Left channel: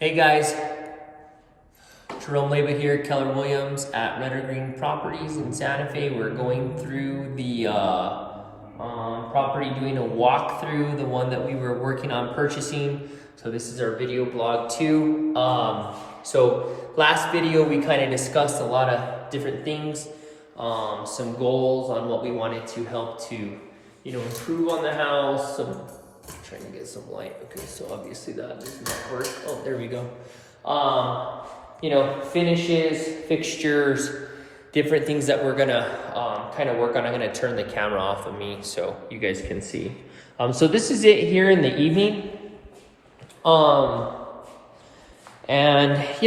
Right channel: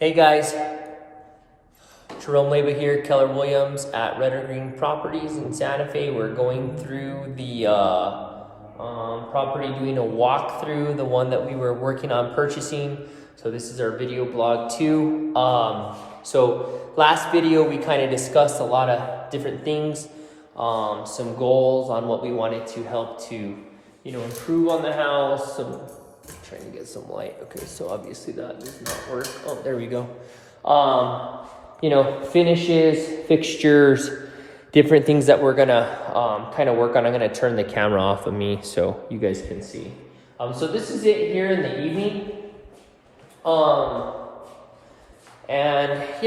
Hey guys, Jerome Leba here, Keller Williams at Red or Green Properties in Santa Fe. We're going through the property, doing a walkthrough, the one that we were working on purchasing. So this is our video blog too. So last video we kind of discussed a lot of different things, some goals on what we wanted to help to, improve on the house. Trying to get some light. Okay, so obviously that does not work. Oh, there we go. Finishes, fixtures, different things that we're gonna kind of work on. I'm gonna turn the camera off of me so you guys can see. So this is it here in the evening.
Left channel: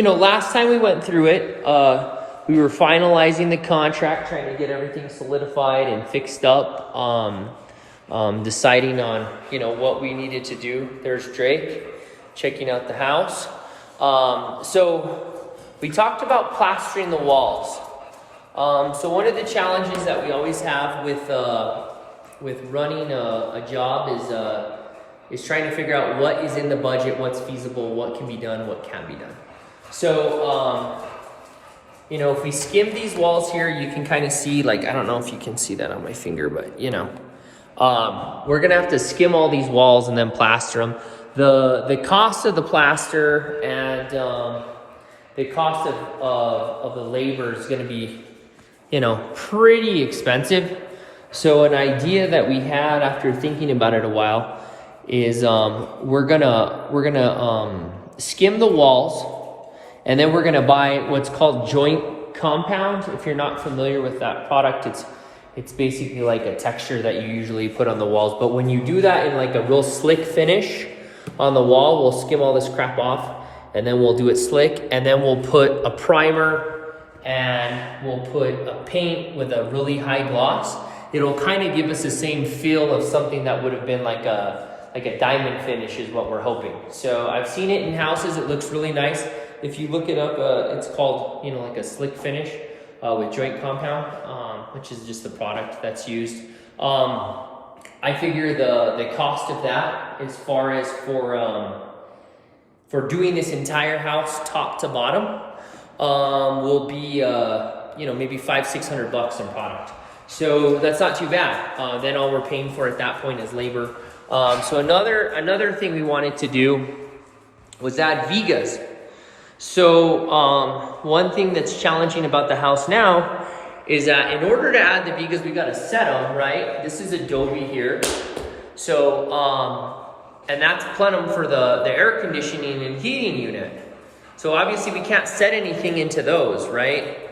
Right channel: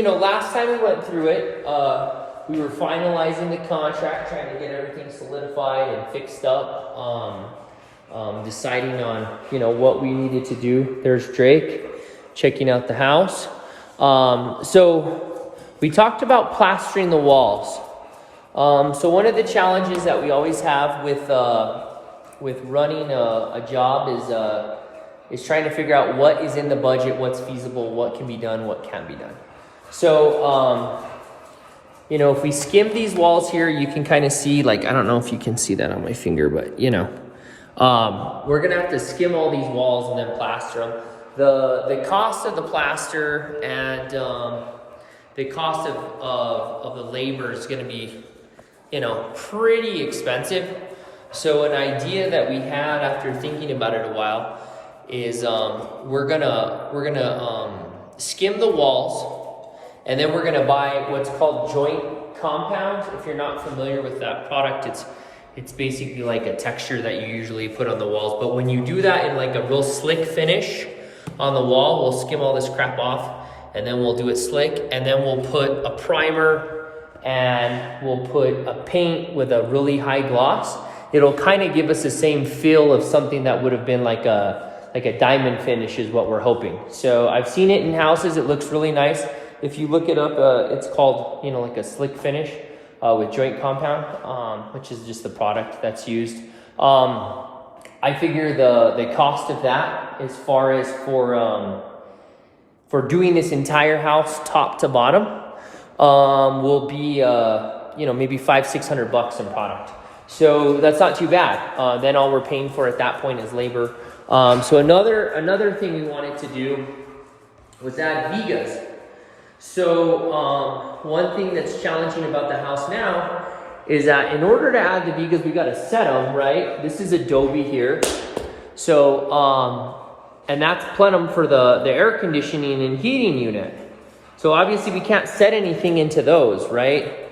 Last time we went through it, we were finalizing the contract, trying to get everything solidified and fixed up. Deciding on, what we needed to do. There's Drake checking out the house. So we talked about plastering the walls. So one of the challenges that we always have with running a job is trying to figure out what is in the budget, what's feasible, what can be done, what can't be done. So, if we skim these walls here, you can kind of see, I don't know if you can see that on my finger, but we're gonna have to skim all these walls and then plaster them. The cost of the plaster and the cost of the labor is gonna be, pretty expensive. So an idea that we had after thinking about it a while is we're gonna skim the walls, and then we're gonna buy what's called joint compound. If you're not familiar with that product, it's basically like a texture that you usually put on the walls. But when you do that in like a real slick finish on the wall, we'll skim all this crap off and then we'll do it slick. And then we'll put a primer and we'll put a paint with a really high gloss. It'll kind of give us the same feel of something that would have been like a diamond finish is what we're hoping. So I've seen it in houses. It looks really nice. If you look it up, it's called, like a slick finish. With joint compound, which is just the product that's used. I figure the cost of that, as far as for doing this entire house top to bottom, will be maybe $500-600 in product. So that's not too bad. Then all we're paying for at that point is labor. So another thing we wanted to do was add vigas. So one thing that's challenging about the house now is that in order to add the vigas, we got to set them, right? This is Adobe here. So, and that's plenum for the air conditioning and heating unit. So obviously we can't set anything into those, right?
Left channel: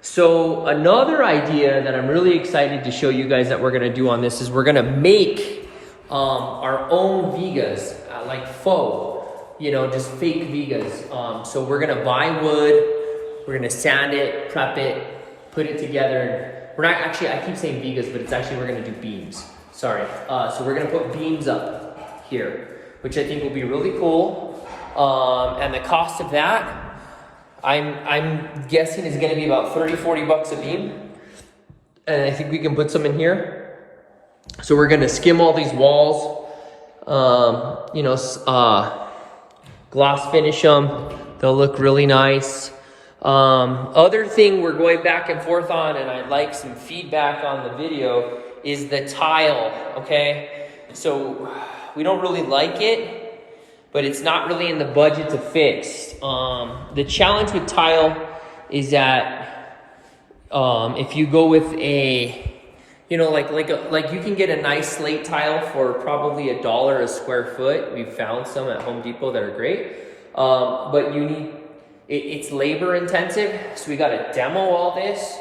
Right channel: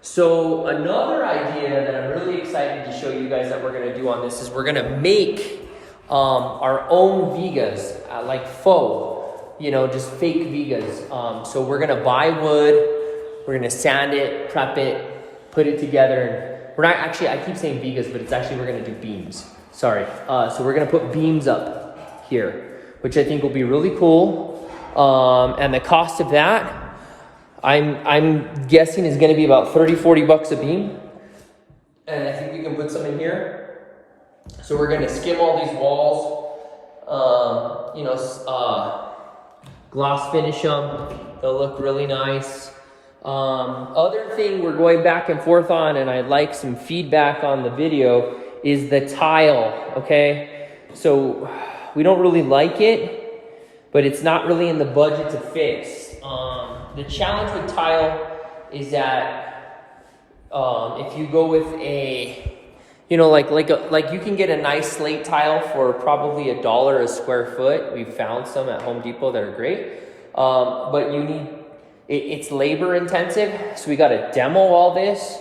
So another idea that I'm really excited to show you guys that we're going to do on this is we're going to make our own vigas, like faux. Just fake vigas. So we're gonna buy wood, we're gonna sand it, prep it, put it together. We're not actually, I keep saying vigas, but it's actually, we're gonna do beams. Sorry. So we're gonna put beams up here, which I think will be really cool. And the cost of that, I'm guessing is gonna be about $30-40 a beam. And I think we can put some in here. So we're gonna skim all these walls, gloss finish them. They'll look really nice. Other thing we're going back and forth on, and I'd like some feedback on the video, is the tile, okay? So we don't really like it, but it's not really in the budget to fix. The challenge with tile is that if you go with a, like you can get a nice slate tile for probably $1 a square foot. We've found some at Home Depot that are great. But it's labor intensive. So we got to demo all this.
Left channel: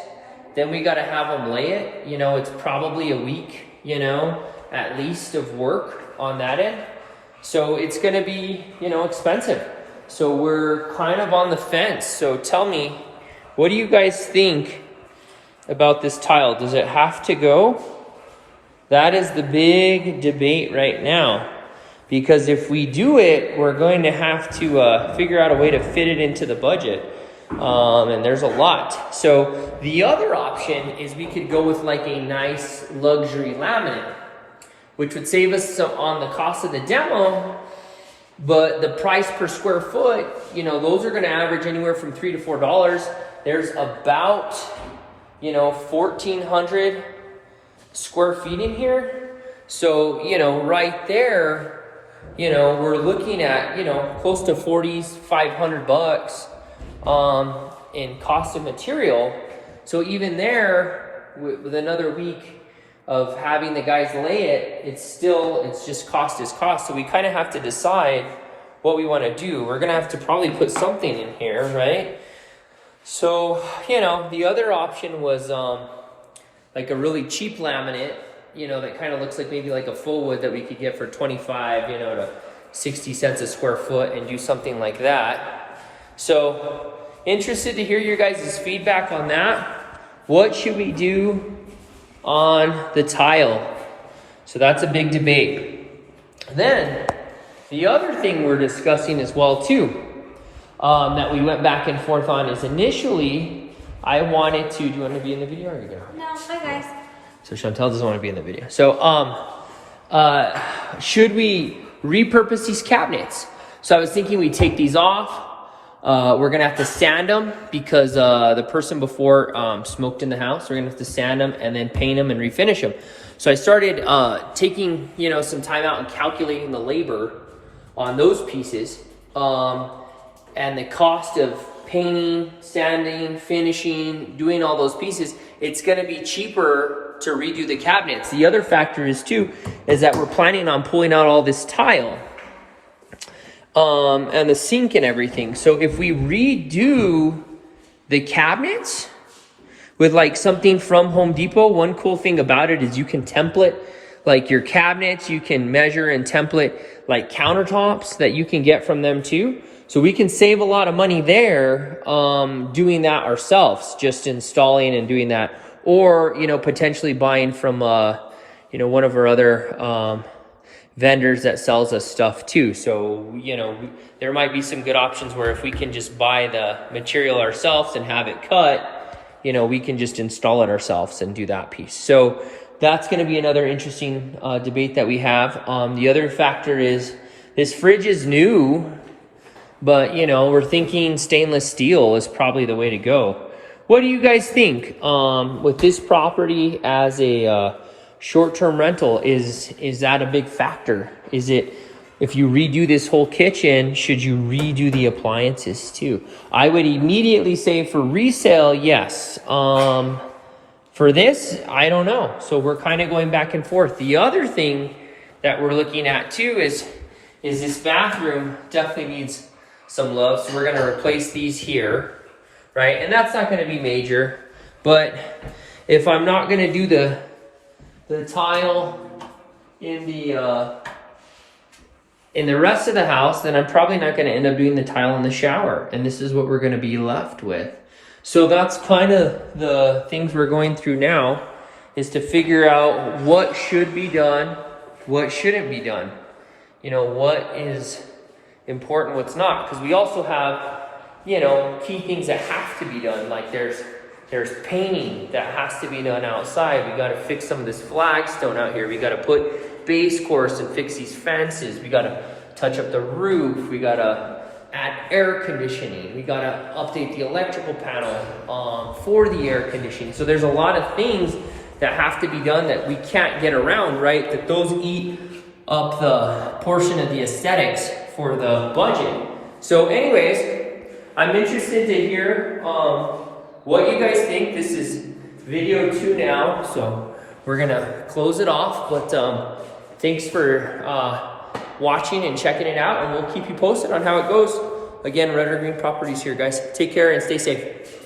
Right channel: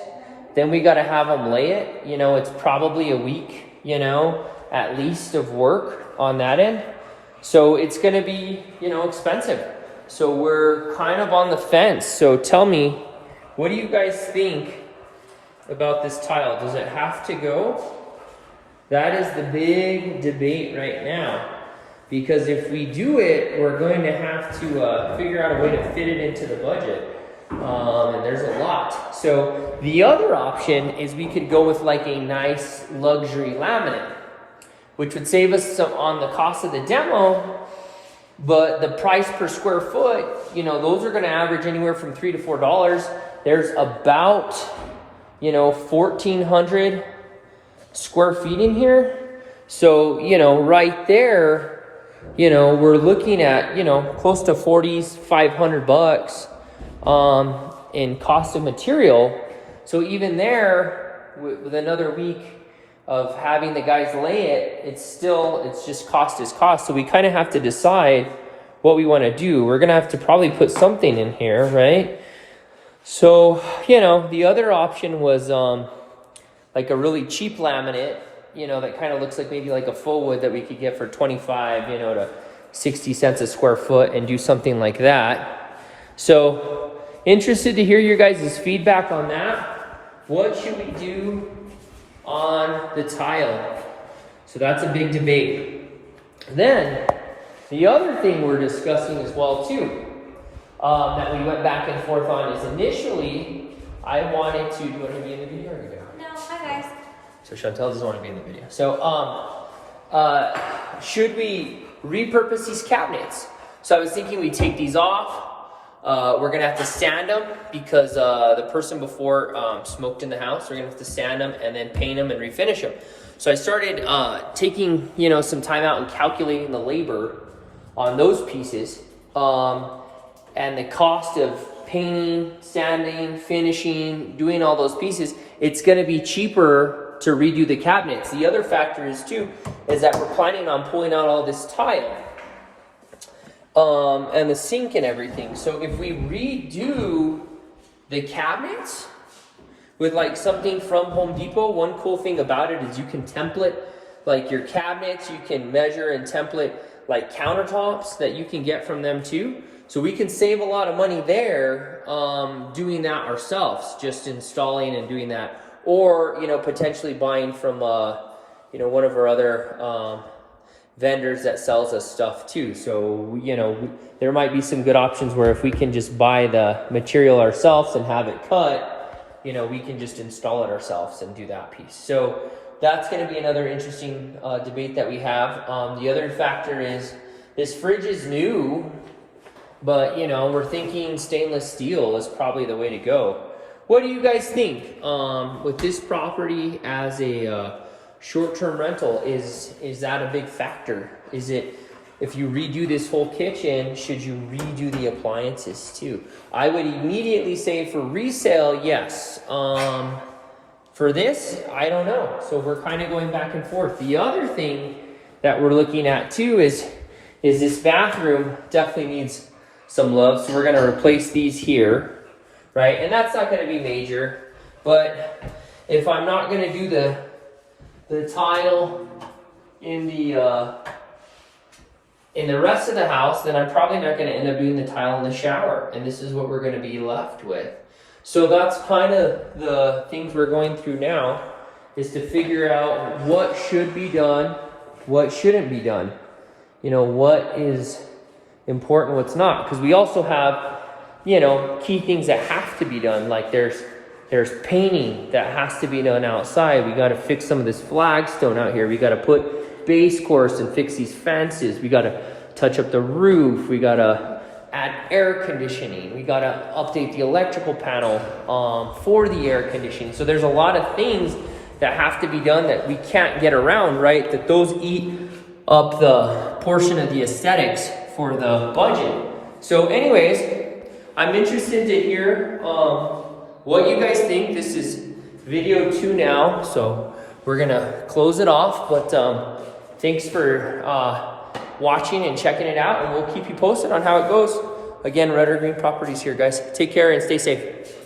Then we got to have them lay it. It's probably a week, at least of work on that end. So it's going to be, expensive. So we're kind of on the fence. So tell me, what do you guys think about this tile? Does it have to go? That is the big debate right now, because if we do it, we're going to have to figure out a way to fit it into the budget, and there's a lot. So the other option is we could go with like a nice luxury laminate, which would save us some on the cost of the demo, But the price per square foot, you know, those are going to average anywhere from $3 to $4. There's about, you know, 1,400 square feet in here. So, you know, right there, you know, we're looking at, you know, close to 500 bucks in cost of material. So even there, with another week of having the guys lay it, it's just cost is cost. So we kind of have to decide what we want to do. We're going to have to probably put something in here, right? So, you know, the other option was like a really cheap laminate, you know, that kind of looks like maybe like a full wood that we could get for 25, you know, to 60 cents a square foot and do something like that. So interested to hear your guys' feedback on that. What should we do on the tile? So that's a big debate. Then the other thing we're discussing as well too, that we went back and forth on, is initially I wanted to, do you want to be in the video or you go? No, hi guys. So Chantel doesn't want to be in the video. So should we repurpose these cabinets? So I was thinking we take these off. We're gonna have to sand them because the person before smoked in the house. We're gonna have to sand them and then paint them and refinish them. So I started taking, you know, some time out and calculating the labor on those pieces and the cost of painting, sanding, finishing, doing all those pieces. It's gonna be cheaper to redo the cabinets. The other factor is that we're planning on pulling out all this tile. And the sink and everything. So if we redo the cabinets with like something from Home Depot, one cool thing about it is you can template like your cabinets, you can measure and template like countertops that you can get from them too. So we can save a lot of money there doing that ourselves, just installing and doing that. Or, you know, potentially buying from, you know, one of our other vendors that sells us stuff too. So, you know, there might be some good options where if we can just buy the material ourselves and have it cut, you know, we can just install it ourselves and do that piece. So that's going to be another interesting debate that we have. The other factor is this fridge is new, but, you know, we're thinking stainless steel is probably the way to go. What do you guys think with this property as a short-term rental? Is that a big factor? Is it, if you redo this whole kitchen, should you redo the appliances too? I would immediately say for resale, yes. For this, I don't know. So we're kind of going back and forth. The other thing that we're looking at too is this bathroom definitely needs some love. So we're going to replace these here, right? And that's not going to be major, but if I'm not going to do the tile in the rest of the house, then I'm probably not going to end up doing the tile in the shower, and this is what we're going to be left with. So that's kind of the things we're going through now, is to figure out what should be done, what shouldn't be done, you know, what is important, what's not, because we also have, you know, key things that have to be done. Like there's painting that has to be done outside. We got to fix some of this flagstone out here. We got to put base course and fix these fences. We got to touch up the roof. We got to add air conditioning. We got to update the electrical panel for the air conditioning. So there's a lot of things that have to be done that we can't get around, right? That those eat up the portion of the aesthetics for the budget. So anyways, I'm interested to hear what you guys think. This is video 2 now, so we're gonna close it off, but thanks for watching and checking it out, and we'll keep you posted on how it goes. Again, Red or Green Properties here, guys. Take care and stay safe.